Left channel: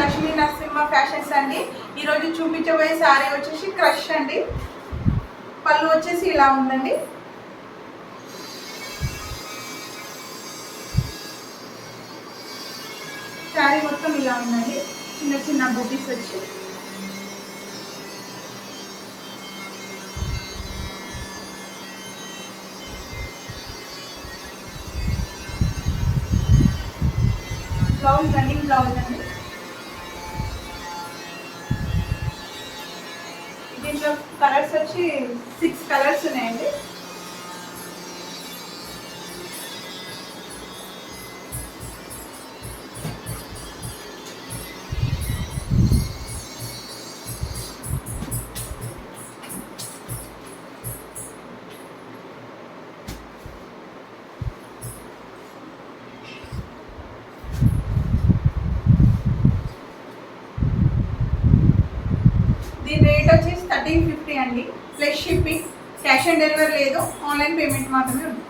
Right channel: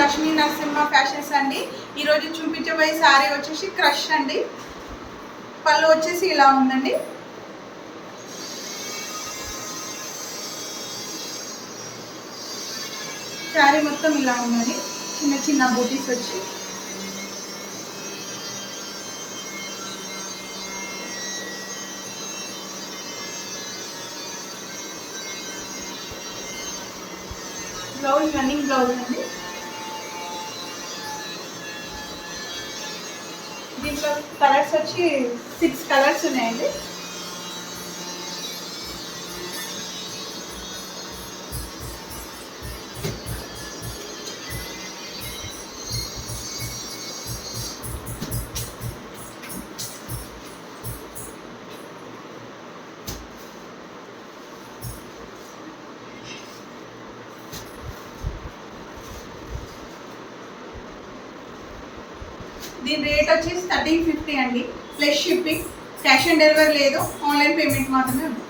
లక్ష్మీ నరసింహ ఫ్యాషన్స్ అండి. ఈరోజు చూపించబోయే శారీ వచ్చేసి క్రష్ అండి. పళ్ళు వచ్చేసి ఇలా ఉందండి. శారీ మొత్తం ఇలా ఉందండి, చిన్న చిన్న బూటీస్ వచ్చి. బ్లౌజ్ రన్నింగ్ బ్లౌజ్ అండి. దీంట్లో కలర్స్ వచ్చి 6 కలర్స్ ఉన్నాయండి. దీని రేట్ వచ్చేసి 1350 అండి, plus shipping. Cash on delivery లేదు, ఆన్లైన్ పేమెంట్ మాత్రమే ఉంది.